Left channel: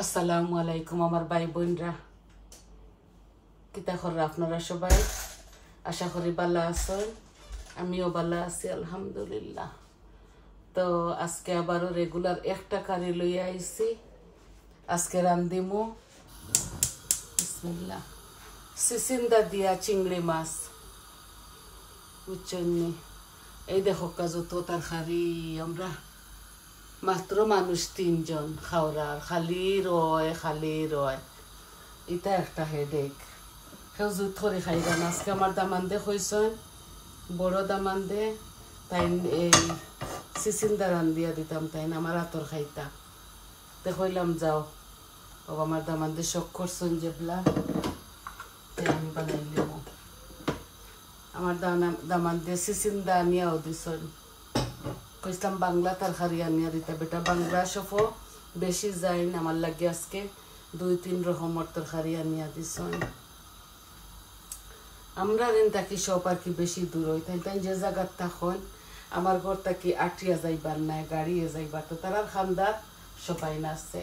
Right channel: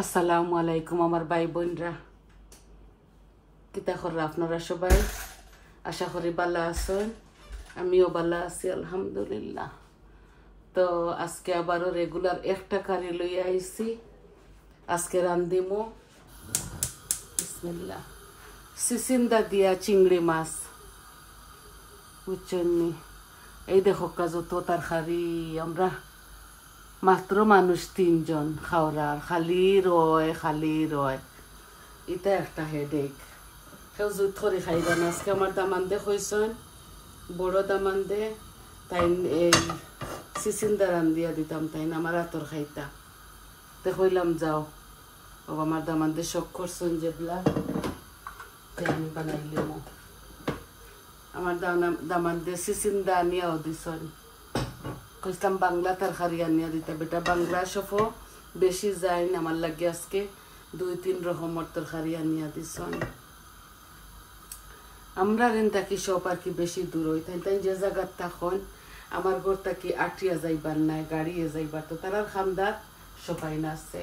আসসালামু আলাইকুম আমার ভাই বোনরা, কিতা করে আপনারা সবাই? আশা করি ভালো আছেন। আমিও ভালো আছি আলহামদুলিল্লাহ। তো আজকে আবারও রেগুলার একটা কারি লইয়া আইছি। আজকে রান্ধিমো বিসমিল্লাহ সিসিন্দা দিয়া চিংড়ি মাছ, বুঝছেন? এই দেখো যত তরকারি, আমরা মাত্র মানুষ 3 জন খাওয়ার, খালি রয় এটা একটা হেডেক। কেউ জুত করে খাইবা না। আজকে আমার দামান্দে হয়েছেন, বড় দামান্দে, তাই এই সিসিন্দা রান্ধিয়া দিতাম, তাই আমার হাতর খাইতা। তো হইলাম যাও বাবা, আমার দামান্দে শখ করছেন যেগুলা, আমি বানাইলাম। আমার দামান্দে সিসিন্দা আনিয়াও দিছন, কইলাম বাংলা তরকারি আনিয়া দিতা বেটা। বাংলা সফো বেশি যায় না আমার লাগে, আজকে 2-3 রকমের তরকারি আনিয়া দিছন। আমরা রেন থাকি সব আর কি বেশি দূর হই, তাই তাই যে জায়গার তখন আমার ঘর থাকি আটিয়া যাইবার না, গাড়িয়ে যাইবার, তো তারার খান্দা সবাই নাচে।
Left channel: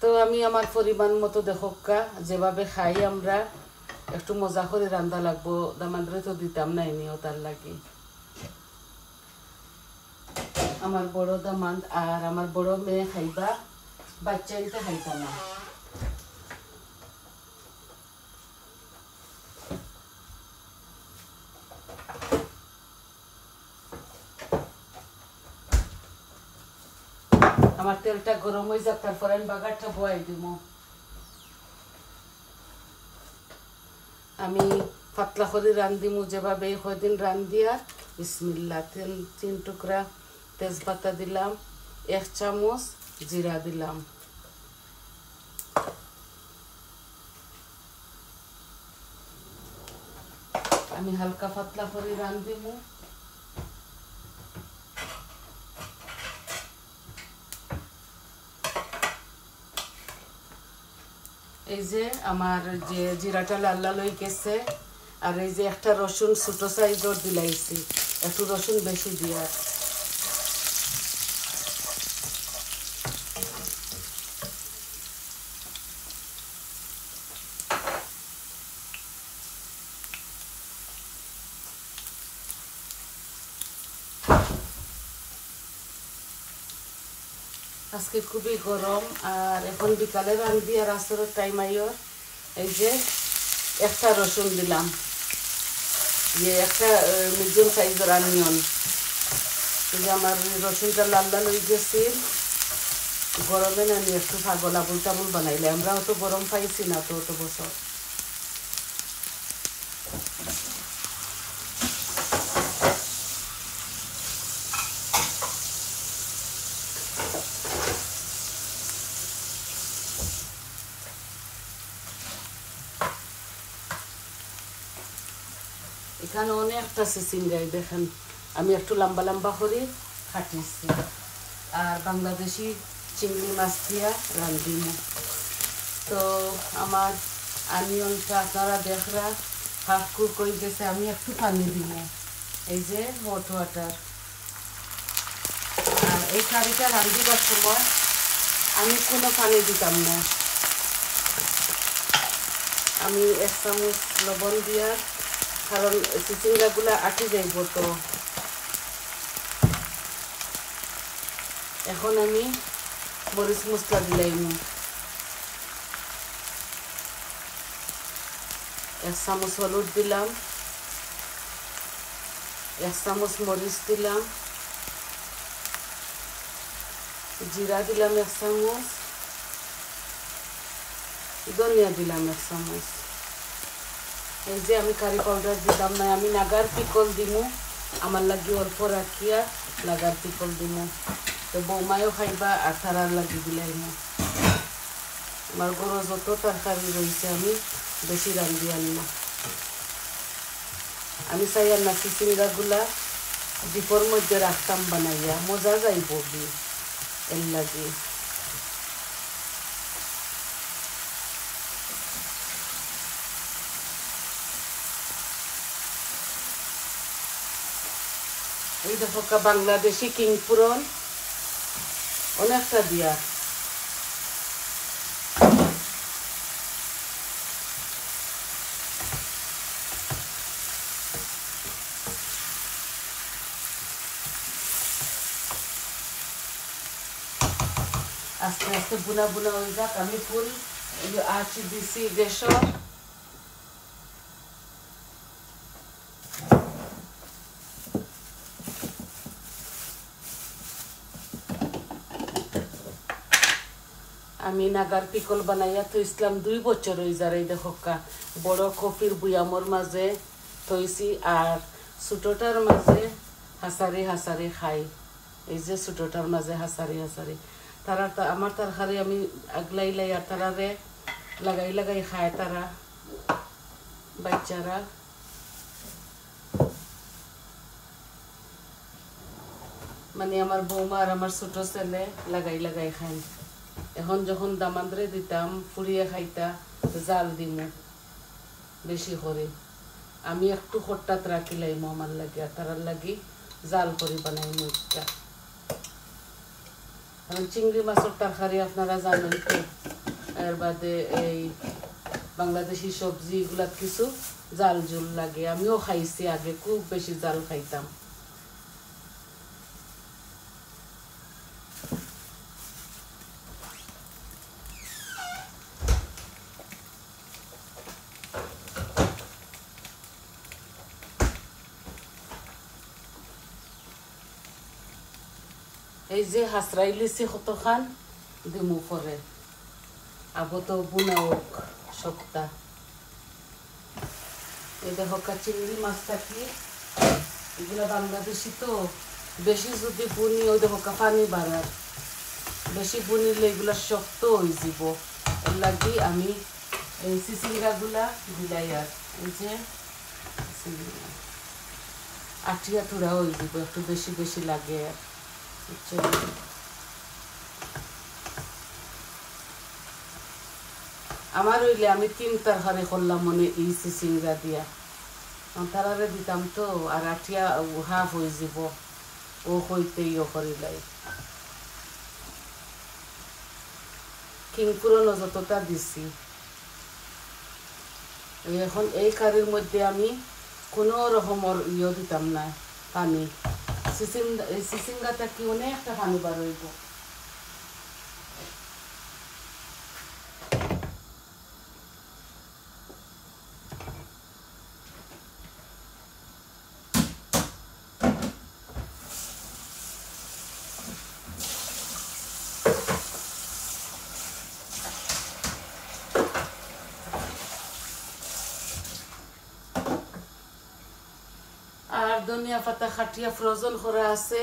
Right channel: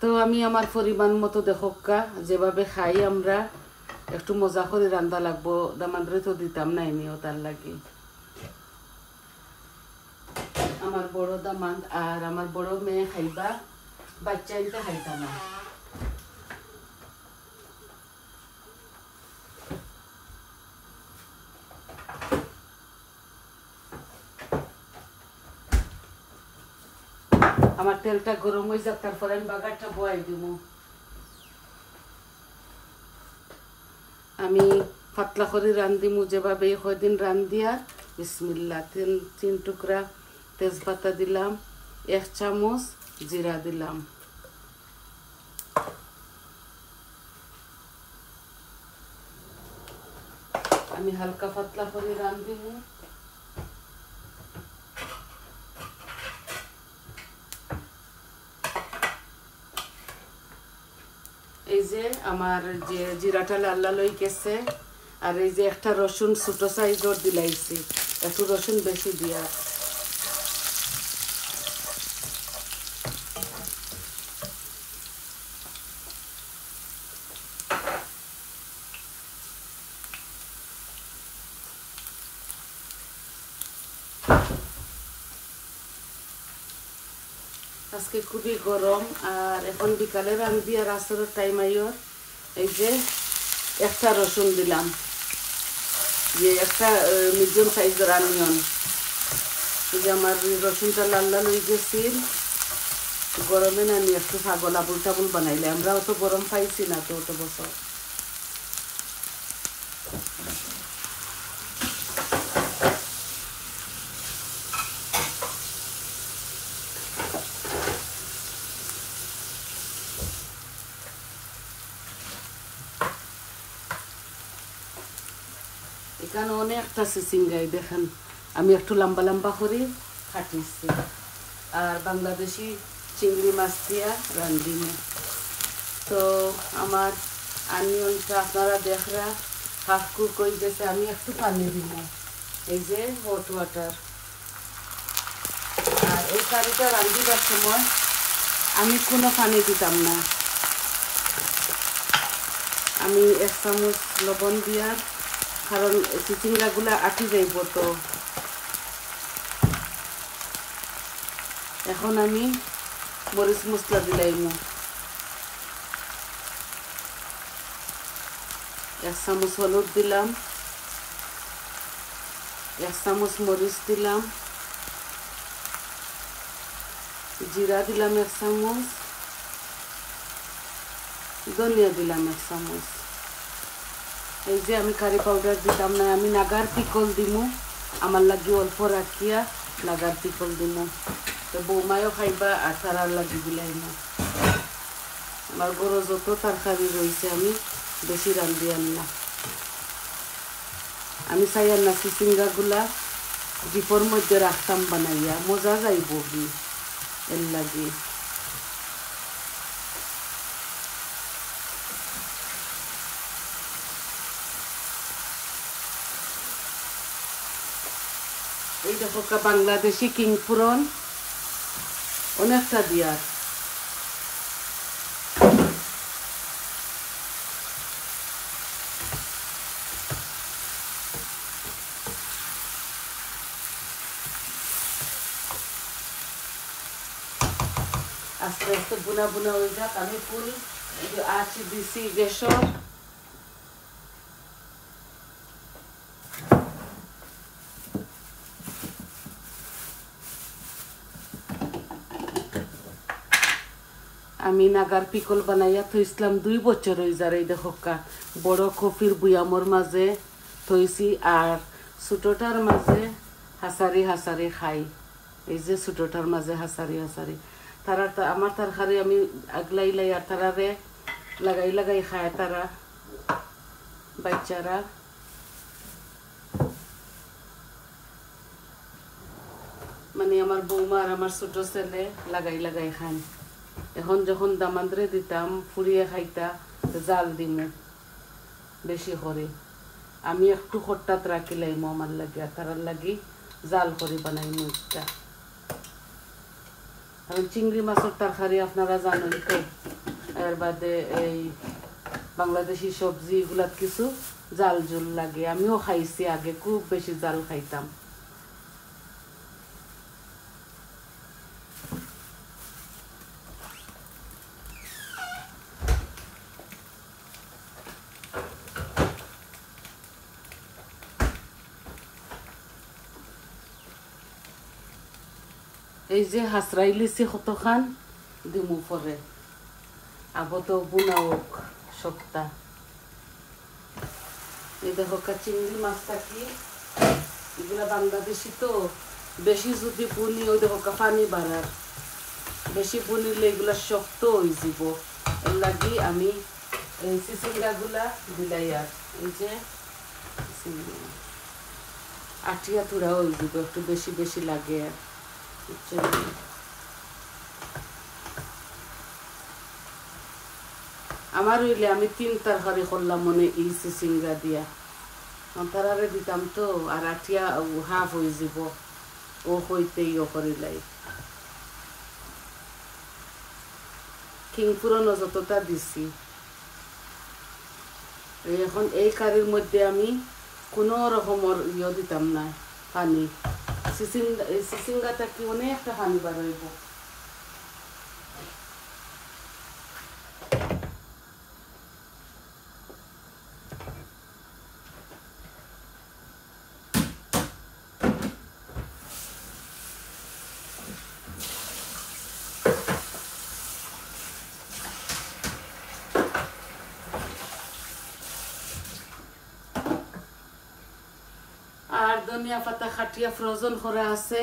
তো আমি আমার পরিমাণ মতো দেখোকা যেভাবে খাই, আমরা একটু মজা করে রান্না লাগবো। দামান্ডরে তো দিতাম না এমনিও, তার লাগি আমার বড় দামান্ড আর আমার বড় মেয়ে খাইবা, বাচ্চা ইনতে খাইতা না। আমার তেলটা গরম হয়ে যাক, তারপর আমি বাগারটা বয়াই দিব। আমি পাতলা করে রান্ধিমু যেভাবে কয়দিন রান্ধিয়া। বিসমিল্লাহ, তেল 3 টুকরা তেজপাতা দিলাম, 1 চামচ জিরা দিলাম, আমি হালকা পাতলা করে রান্ধিমু। এই যে আমার যে জিরাটা লাল লাল হয়ে গেছে, আর এই যে একটা রসুন ছোট সাইজর দিলাইছি, একটু রসুন বেশি দিয়া। আজকে খুবই গরম, আর এখন বিকালে রান্ধি আর আসরের টাইম আইও। এই যে একটা রসুন দিলাম, যে একটা মিডিয়াম সাইজের অনিয়ন। এই যে আমার রসুনটা লাল লাল হয়ে গেছে। গরমে না আমি একটু ছাগল আবুল টাবুল বানাইলে, আমরা অত গরম পাইছি না তো অত বছর। এখানে অনেকটা সিসিঙ্গাই দেখেন, আমি একটু লম্বা লম্বা করে কাটিয়েছি। আর বাংলাদেশি চিংড়ি মাছ দিয়া রান্ধিম। তো আমার অনিয়নটা আপনারা দেখরা হাফকুক হয়ে গেছে, আমি একটু পানি দিব, এই যে হট ওয়াটার। আর এই কারিটা রান্ধিবার সময় আমি কোনো পানি দিতাম না, আমি 1 চামচ লবণ দিয়া, কারণ চিচিঙ্গাগুলা আটি যাইব। তো এখন আমি মরিচ মশলা দিলাম, 1 চামচ হলুদ দিলাম, 1 চামচ মরিচ দিলাম, জিরা দিলাম 1 চামচ, ধনিয়া দিলাম 1 চামচ। এই যে আমি কারি পাউডার দিতাম না, আমি নাগার পিকল দিমু, আমার লাগে অল্প রাখিয়া নাগার পিকল দিমু। তো বৌমায়ও খাইবা আর তারার লাগে দিলাই না। আমার গরু যত তরকারি রয়েছে আমি বেশি রান্ধি না। আমি চাই না চিচিঙ্গাগুলা ডিপোর মধ্যে রাখতাম বানাইয়া, মজা যাইব এর লাগে। এই দেখো বাংলাদেশি কিংপুরন, অনেকটা দিয়া আস্তে আস্তে বুনা বুনা হয়ে যাক আমি ফুল আঁচ দিছি গ্যাসর আমি নাগার পিকল বানাইয়া থইছিলাম 2 বছর হয়ে যায় এই দেখো বড় কফির বুয়ামর মাঝে থইছি আর ছোটটার মাঝে হাসারি হাসারি খাই এই যে ছোটটার মাঝে হাসারি হাসারি তারা আমার তরকারি আমি আগলাই লাই আর তারারে লাগাই লাগাই খায় তারা বাচ্চারা মানে আমার বৌমা আর আমার ছোট ছেলে লাগাই লাগাই খায় এখন যখন দামান্দ্রে দিতাম ফুরিয়ে খাইতা জাল দিমু বেশি করে আমি একটু খট্টাত রাখিলাম আমার লাগে আর তারার লাগি জাল করে বানাই মুখটা কারণ চিংড়ি মাছের তরকারি আপনারা জানেন তো এর বাদে এই বাংলাদেশি সবজি এগুলা কিছু জাল জুল লাগে আমিও খাইছি আগে খুব বেশি জাল খাইতাম এই যে হাসরাই লিছি কতখান দিমু পরে আগত বুনাও সপ্তা এই দেখো চিংড়ি মাছটা কি এগুলা বাংলাদেশি তো বেশি যদি বুনি ওই দেখো পানি বাড়ার বেশি বুনিলে এগুলা শক্ত হয়ে যাব এর লাগি আমি এই চিচিঙ্গাগুলা দিলাই আর এই যে আটিয়া টুড়া হয়ে যাব একটু বেশি বেশি লাগে আর আমার হইলে আমি 3 তরকারি করলাম মনে এই চিচিঙ্গা দিয়া তারারে দিতাম তো আর আঠিয়া হাফ হয়ে যাব ও হইতেই ও করিলাই কিংপুরনো যতটা দিছি এখন এই কারির মধ্যে আমি কোনো রকমের ইয়ে দিতাম না পানি চিচিঙ্গাটা কি অনেকটা পানি বার হইব আর ধনিয়া পাতা খাটিয়া ফ্রোজেন করা আছে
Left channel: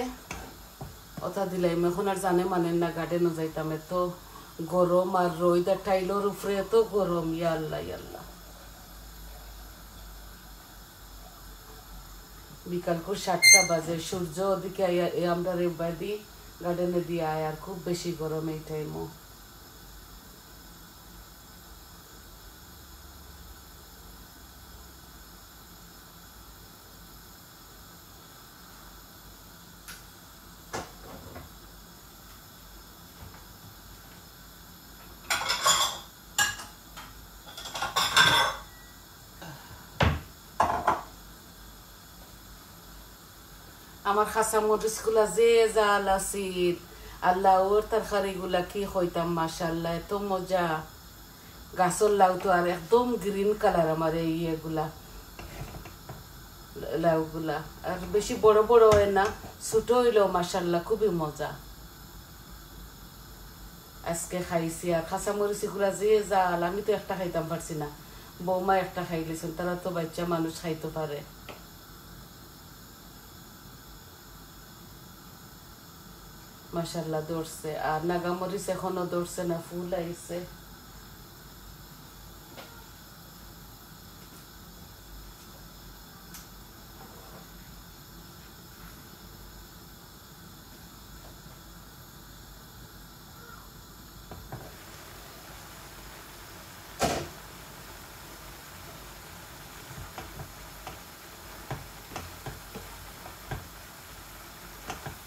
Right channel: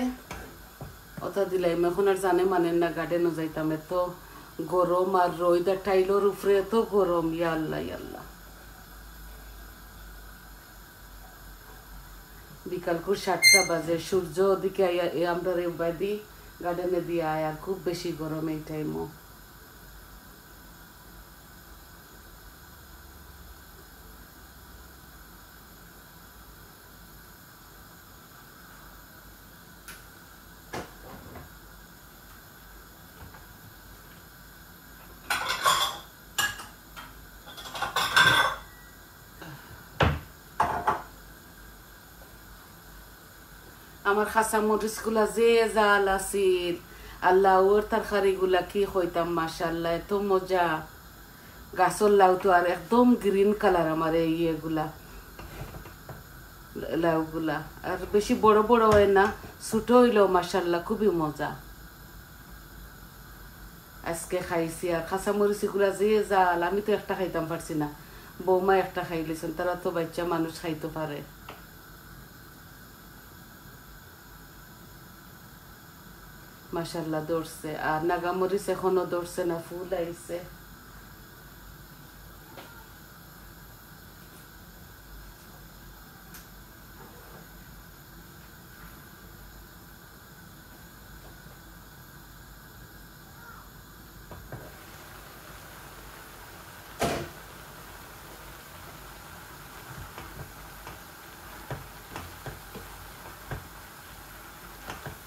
ওটা দিলাম এখন আর জানে মানেন না গার্ডেনও যাইতাম এত গরম আর রোদ টাইলোর উপরে এত গরম ইয়া আল্লাহ ইয়া আল্লাহ বিকাল করে 7টা বাজে সূর্য ওদিকে আমরা বাদি গার্ডেনে দিয়ে আয় আর খুব বেশি গরম এই টাইমও আমার খাসা মরিচ গুলা যে জাল আছিল আল্লাহ ওর তরকারি গুলা কি হইতাম মাশাআল্লাহ এত মজা গাছর লাউ তো আর একদম গ্রিন কালার আমার ইয়ে গুলা লাউ গুলা আর বেশি বড় বড় হয় না ছোট হইলেও মাশাআল্লাহ খুবই মজা আজকে খাইছি আর খাসা মরিচ গুলা যে জাল আমি তো একটা খাইতাম পারছি না বৌমা একটা খাইলেছেন তারা তো বাচ্চা মানুষ খাইতে পারে মাশাআল্লাহ ধরছে আর নাগামরিচ এখনো ধরছে না ফুল আইছে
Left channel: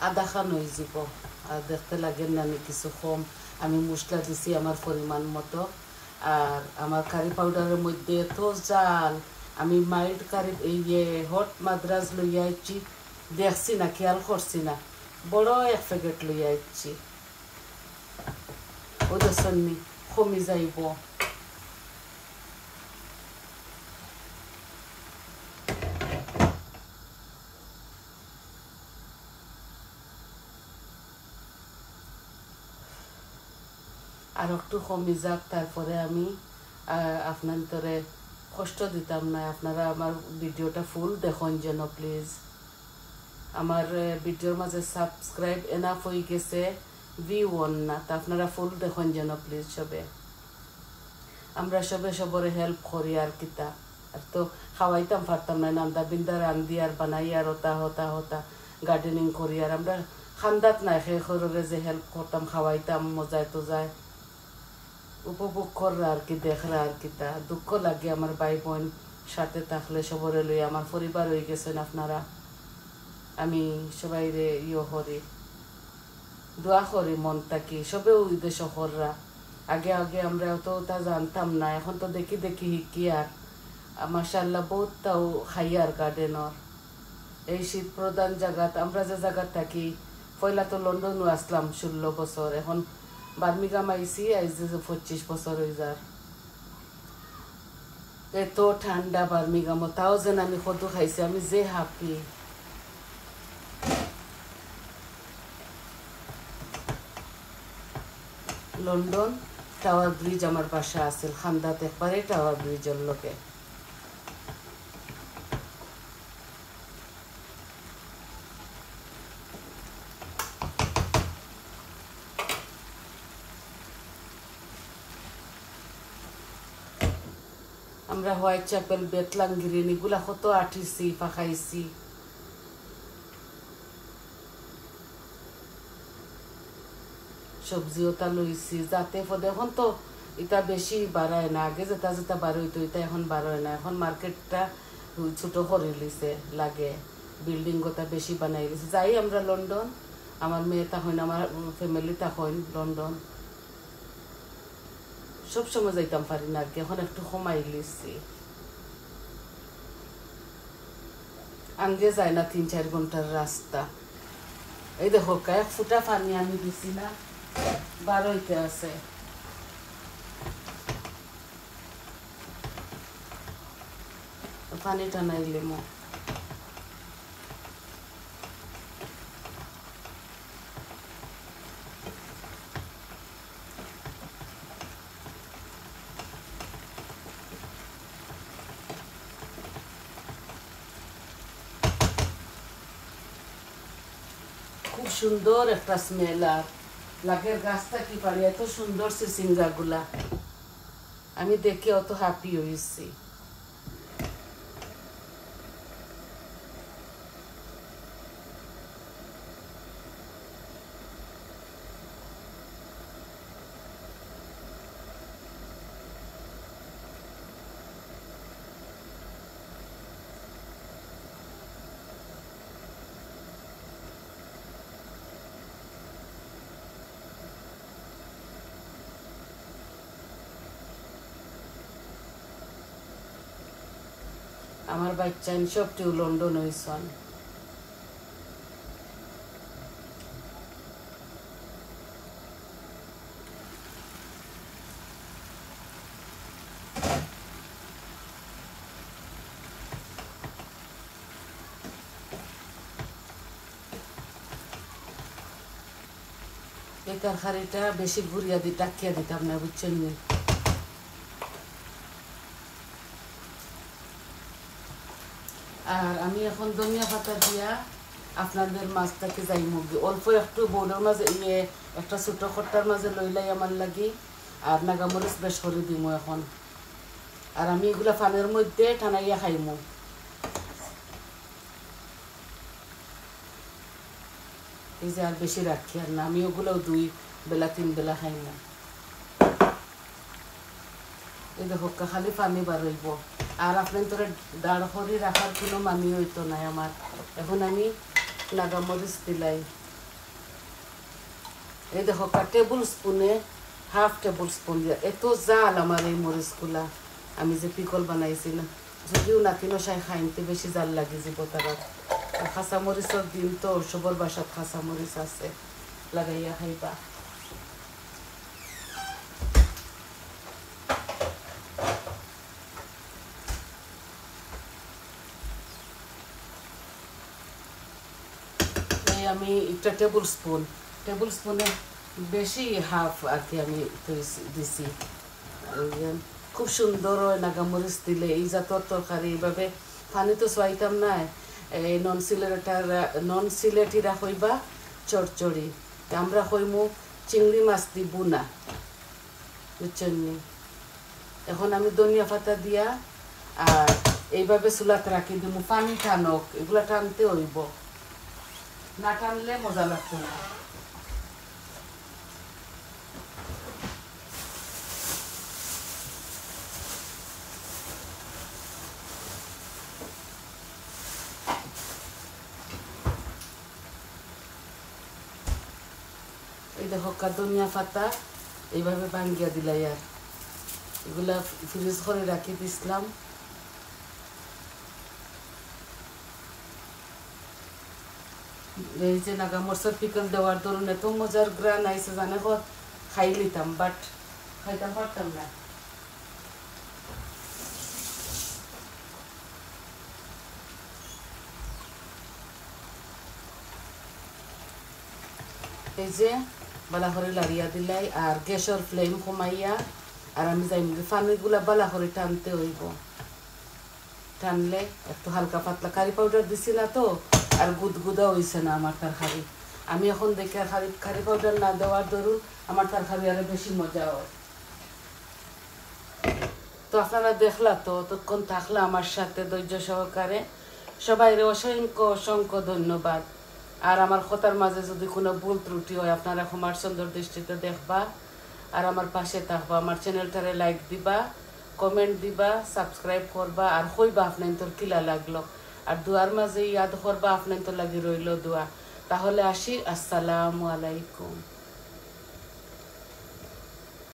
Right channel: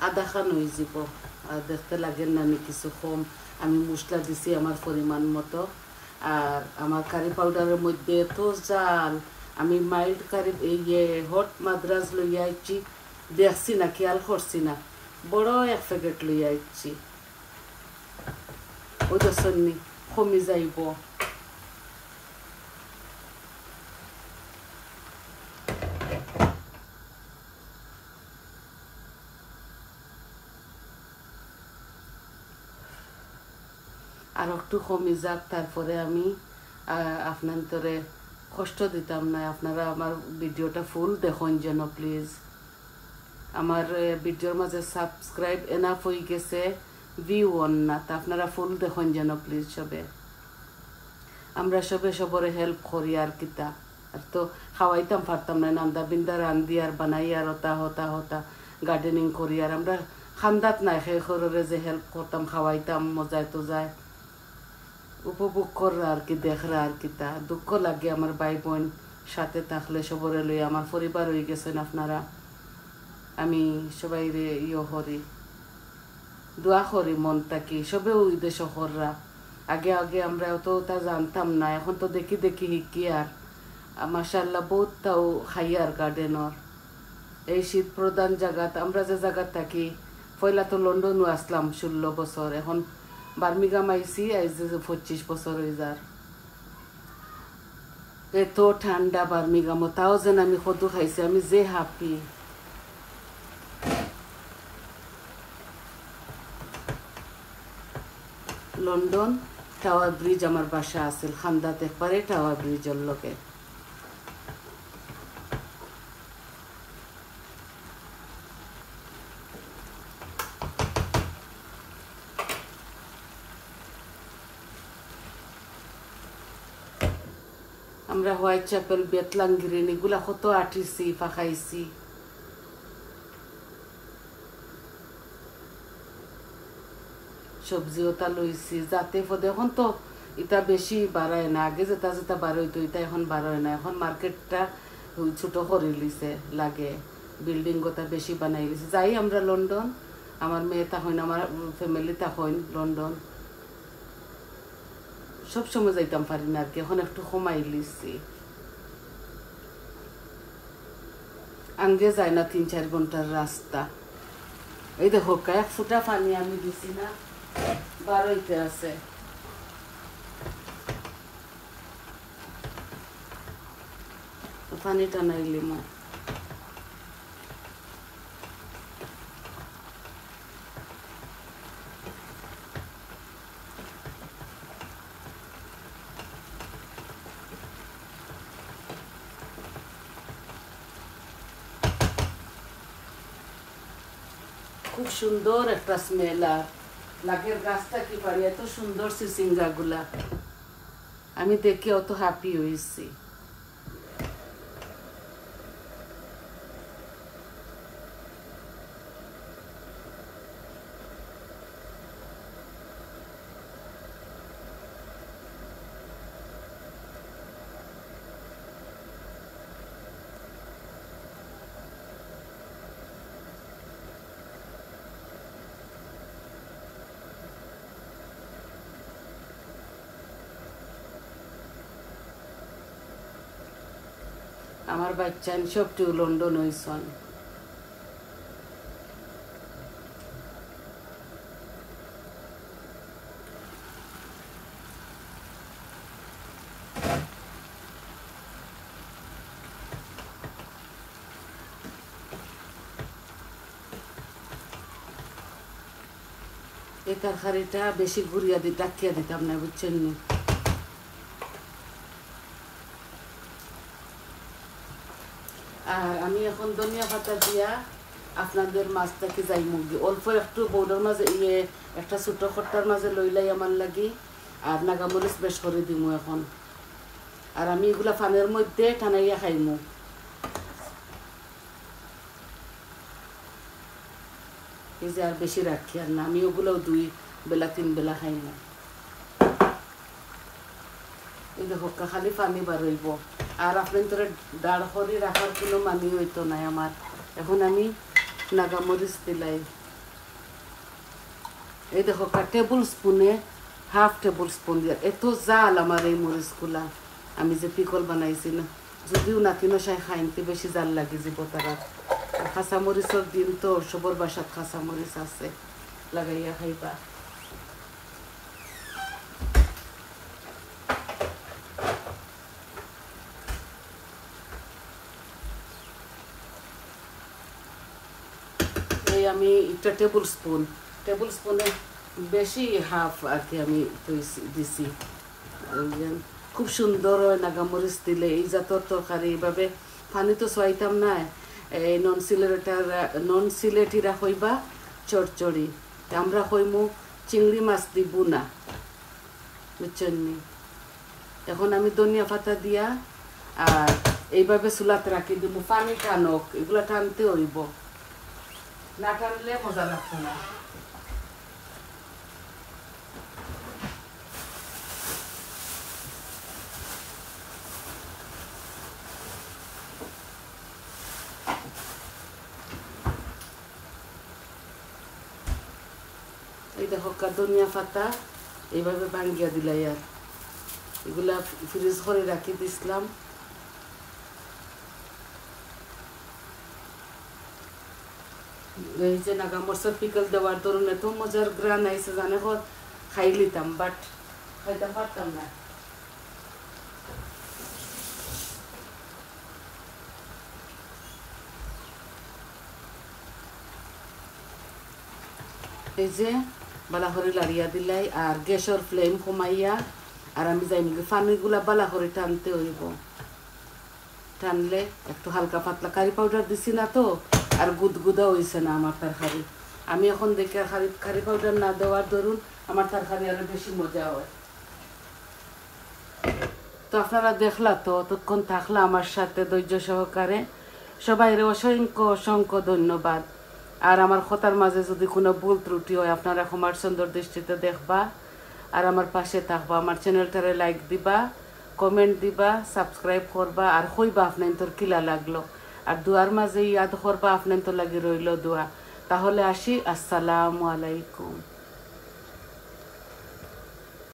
আধা খান হয়ে যাব আর দেখতে লাগেন না আমি কিছু কম, আমি মশলা দিছি আমার পরিমাণ মতো। আর আমার কারি পাউডারের মধ্যে এত জাল, আমি মাইল্ড কারি এই হট মাদ্রাজ লইয়া আইছি, দেখছি না খেয়াল করছি না, বড় এক প্যাকেট লইয়া আইছি। ওদের সন্নি কমি যাইব। আর একটু কমে যাক, তারপরে আমি আপনাদের কষ্ট দিতাম না। আপনারা আমার ভিডিওটা ফুল দেখুন যেন প্লিজ। আমার ভিডিওর মাঝে সাবস্ক্রাইব এনাফ হয়ে গেছে, ভিউ অন না, তা আপনারা ফুল দেখুন যেন প্লিজ সবে। আমরা সবে সবরে হেল্প করি আর কিতা, আর তো খাওয়াইতাম পারতাম না, নান্দা বিন্দা রান্ধি আর বানাই আর হতা হতা হতা গার্ডেনিং করি, আর আমরা খান্দাত নাই সেই খররে যে হেল্প করতাম, খাওয়াইতাম মজায় তো যায় উপভোগ কররা আর কি, দেখরা আর কিতা। দুঃখ লাগে আমার ভাই বোন সাথে থাকলে সবরে লই, আমার পরিবার হয়ে গেছেন আপনারা। আমি সবাই রে করি, দোয়া করি মন থাকি, সবে ওই দেশ হররা। আগে আগে আমরা অতটা জানতাম না, এখন তো দেখি দেখি শিখি। আর মাশাআল্লাহ বহুত তাও খাই আর গার্ডেনর এই শীত প্রধান জায়গাত, আমরা যে জায়গা থাকি, পয়লা তো লন্ডনও আসলাম 16 বছর, এখন বার্মিংহাম আইসি আইজ 25 বছর হয়ে যার। এত ঠান্ডা বার্মিংহাম, তাও যেন আমি কদু খাইছি, আমি যে হ্যাপি। লন্ডন টাওয়ার ব্রিজ আমার বাসা আছে, খান্দাত একবারে টাওয়ার ব্রিজের লোকে। আমরা হোয়াইট চ্যাপেল, বেতলাং গ্রিন এগুলা কত আটিছি পাখাইছি। সবজিও তা লইছি যাতে পদে, এখন তো এটা বেশি বাড়ায় না, আগে যেটা যেটা বাড়াইতো এটা এখন বাড়ায় না। এখন মার্কেটটা ছোট করে লিছে লাগে, বিল্ডিং গোটা বেশি বানাই লিছে। যাই আমরা লন্ডন, আমার মেয়ে তখন, আমার ফ্যামিলি তখন লন্ডন সবসময় যাইতাম পারি না আর কি, এখন একটু কমাই লিছি। আগে যায় না 3-4 ঘন্টার রাস্তা। এই দেখো এক ফুটা পানি আমি দিছি না, বারোইতে আছে। পানি টানাইলে মো খুব সুন্দর একটা স্মেল, আর লাগের গাছটা কি পারি, এত সুন্দর সিসিঙ্গা গুলা, আমি দেখে অত হ্যাপি হয়েছি। আমার বাচ্চা সবটিও লন্ডন হয়েছেন। এই তরকারিটা বেশি গুড়িয়া দিয়ে টাকিয়া দিতাম না, বুঝছেন নি। আর আমি এখন ধনিয়া পাতা দিয়া আপনাদের মাছটাকে যাই মুরগি অল্প একটু বৌডার মাঝে একটা ছোট খট্টার মাঝে লইলাই আমার লাগি, আর নাগামরিচ বেশ করে দিমু এখন। আর আমি এগুলা ফানের মধ্যে টানাইয়া খাইমু। এই যে আর বেশি রাখি আর না, আমি ওগুলোও 2 বেলা 3 বেলা খাইমু। এই দেখো খালি পানি বাড়াইব, আর আপনার তোরা দাঁড় করে রাখার কোনো মানি হইতো না আমার। এখন আমি নাগামরিচ দিলাই, এই দেখো একটা টেবিল স্পুনে হাফ টেবিল স্পুন দিয়া এত জাল আমার এই মরিচগুলা আমি যে পিকল বানাইছি না যদিও নাকি নশাই খাইতে বেশি জাল লাগে যাব তারা খাসা মরিচের দিন তো সবার বাসাত খাসা মরিচ আছে লাগাইয়া খাইবা আমি একটা টেবিল স্পুনে বেশি হাফ আর কি আমি দিছি খুব সুন্দর হয় নাগামরিচ দিলে এই জাতর তরকারি এইভাবে পানি তো চাইতাম না এই নন সিলেটিরা হইবা চড়চড়ি আমরা হইমু চিংড়ি মাছ দিব না বুঝছেন এখন আমি ধনিয়া পাতা দিয়া আর এইভাবে চুলাতে রাখি দিব পানি টানক এগুলা টানতে হইব না টানলে মজা লাগতো না এই দেখো ধনিয়া পাতা এইভাবে ভাঙ্গিয়া দিলাই আর এগুলা ফ্রিজ করে রাখি দিছিলাম এই যে নাগামরিচের পিকল দেওয়ার দরুন এত মজার গ্রান আইসে জানে খাই লিতাম বাট খাইতাম পারতাম না এই যে বালা করে লাড়িয়া দিলাই আর গ্যাসের ফ্লেম কমাইয়া আর আমি যাই পানিগুলা বালা করে টানতে হইব টানলে একটু হালকা পাতলা কারি পাউডার দিছি না তো আর গুদগুদা হইছে না আমার তরকারি আমি এখন দেখি কারি পাউডার না দেওয়ার দরুন আমার তরকারি আরো বেশি মজা হয় তো আপনারা দেখলা তো ততক্ষণ থাকলা আমার সাথে ধৈর্য সহকারে সবাই অসংখ্য ধন্যবাদ আর আমার কথার মাঝে যদি কোনো ভুল ত্রুটি হয় আপনারা ক্ষমার সুন্দর দৃষ্টিতে দেখবা আর আমার পাশে থাকবা আমার চ্যানেলটারে লাইক দিবা কমেন্ট দিবা সাবস্ক্রাইব করবা আর কইবা আপনার তোর কিলা লাগলো আর দুয়ার মাঝে ইয়াদ করবা আপনার তো লাগি রইল দোয়া তাহলে আসি আসসালামু আলাইকুম